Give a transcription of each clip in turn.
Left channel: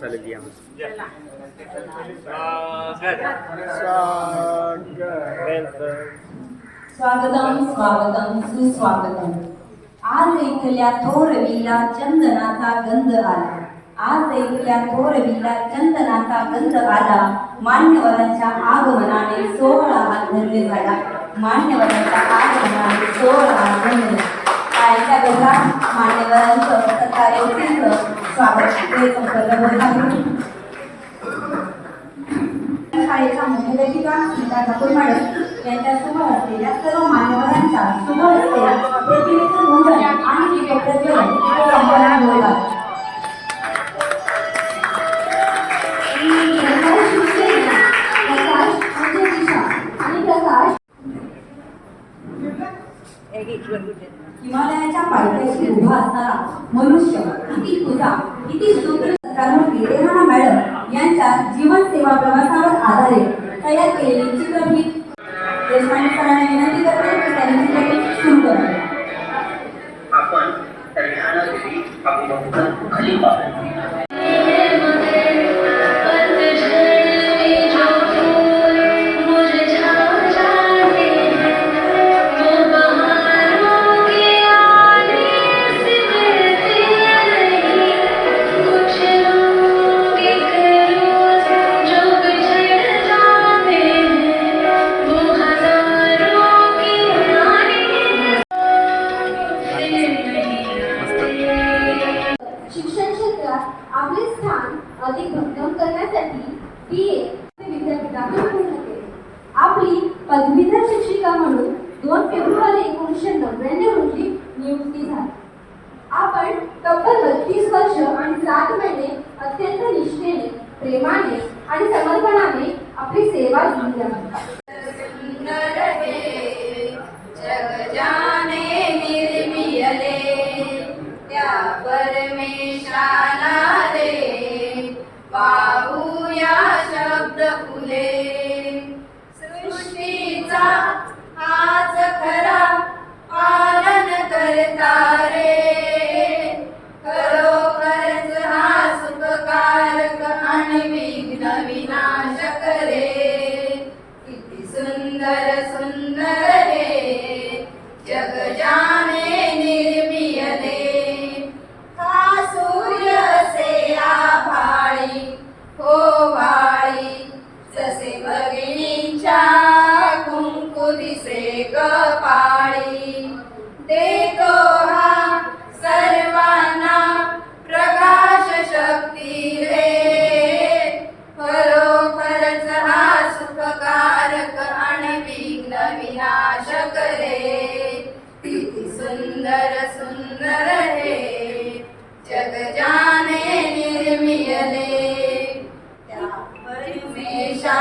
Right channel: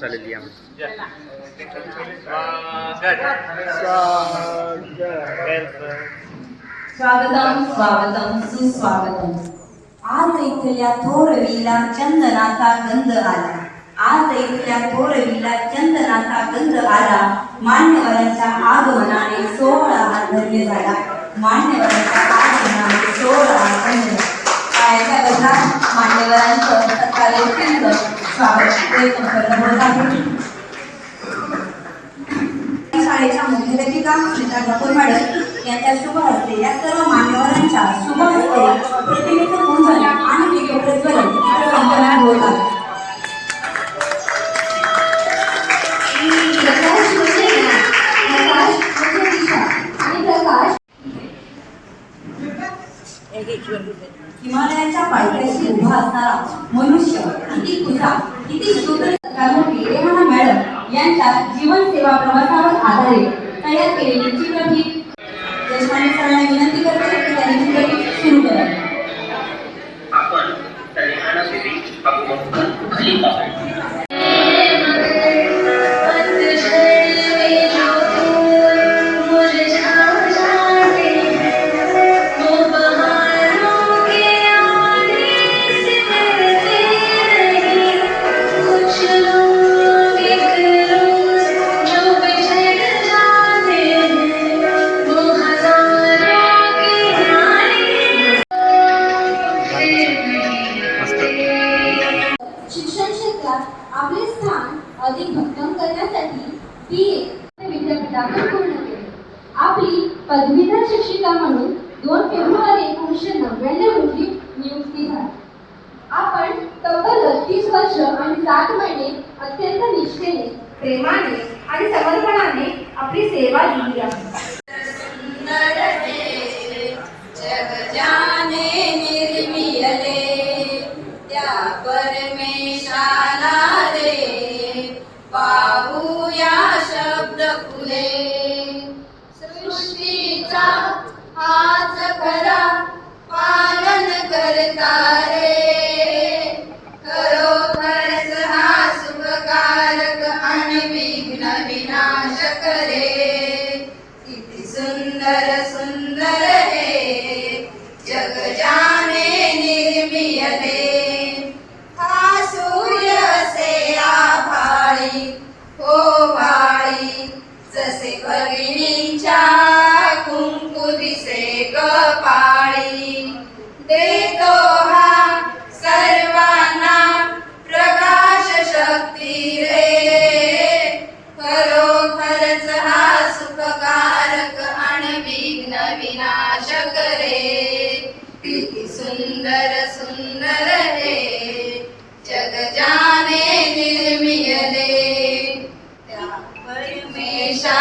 चालेल या. स्वागतम स्वागतम सुस्वागतम. आज इथल्या थोरवीला चंदनाचा गंध आला. आज इथल्या थोरवीला चंदनाचा गंध आला. मान्यवरांच्या आगमनाने सोहळा धन्य झाला मान्यवरांच्या आगमनाने सोहळा यांच्या शुभ हस्ते या सर्व मान्यवरांच्या शुभ हस्ते प्रतिनिधी पूजन आणि दीपप्रज्वलन इथे संपन्न होत आहे हिमालयाच्या पायथ्याशी उभा असणारा मनुष्य किती तुझा किती शुद्ध कर्मवीर रेहाना मॅडम यांच्या जीवन सेवा प्रवासावर आधारित तयार केलेली त्यांनी बी ए विद्यापीठातून पूर्ण केले. आपली पदवीधर शिक्षिका म्हणून दोन फेब्रुवारी एकोणीसशे नव्याण्णव रोजी नियुक्ती झाली. आपण तब्बल तीस वर्ष आणि सात महिने अत्यंत निष्ठेने प्रेमाने आणि समर्पणाने आपली सेवा दिली आहे. त्या परमेशाला रे पाहूया फुले सृष्टीचा हाच खरा पालन करता रे. सुंदर सुंदर हे जग जाने निर्मियले त्या परमेशा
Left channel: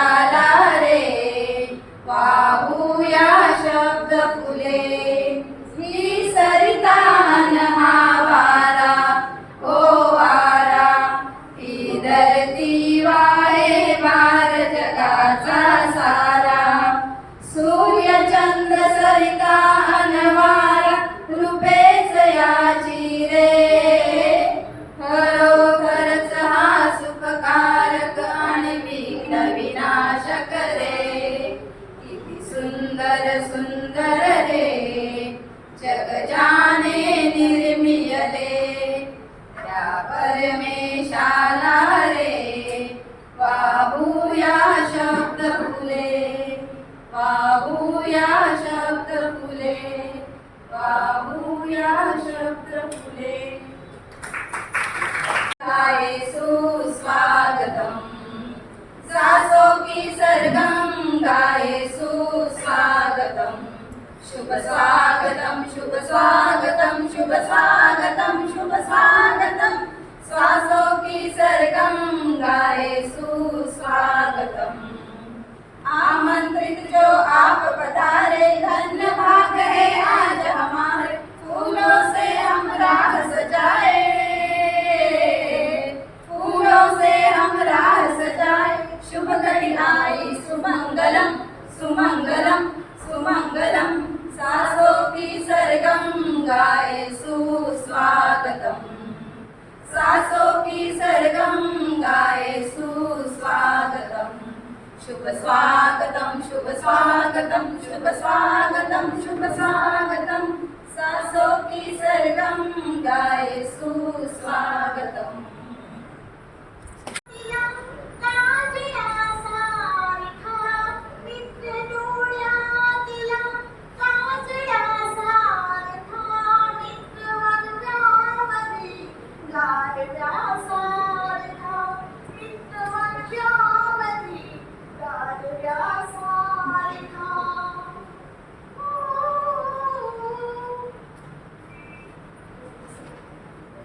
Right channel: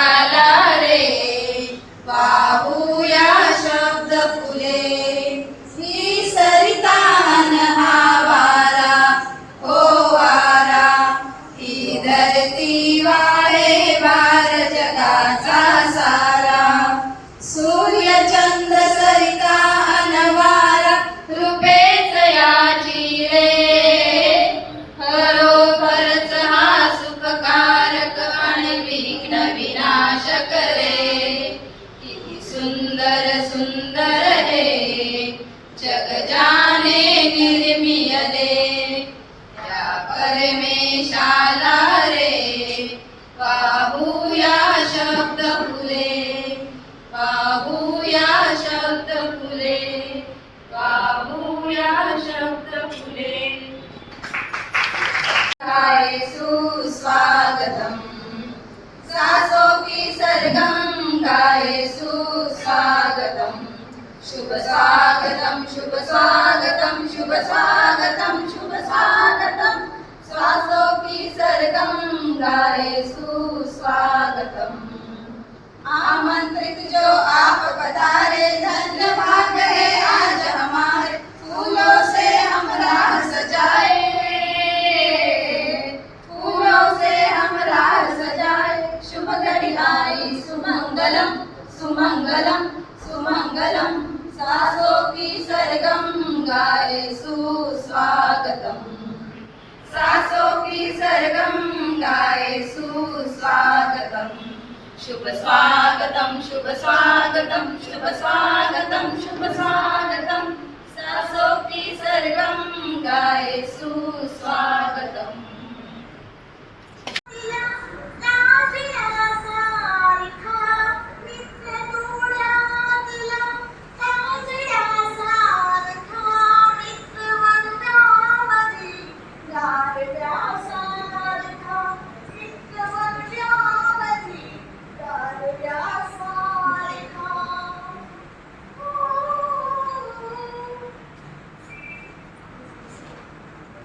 सुंदर सुंदर रे जग जाने निर्मियले या परमेशाला रे बाबूया शब्द फुले बाबूया शुभ स्वागतम शुभ स्वागतम शुभ स्वागतम शुभ स्वागतम। स्वासो की सरगम गाए सुस्वागतम आमंत्रित जो आप पधारे धन्य शुभ स्वागतम शुभ स्वागतम शुभ स्वागतम शुभ स्वागतम। सासो की सरगम गाए सुस्वागतम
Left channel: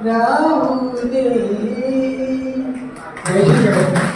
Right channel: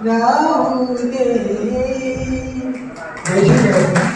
이더라운데 대신에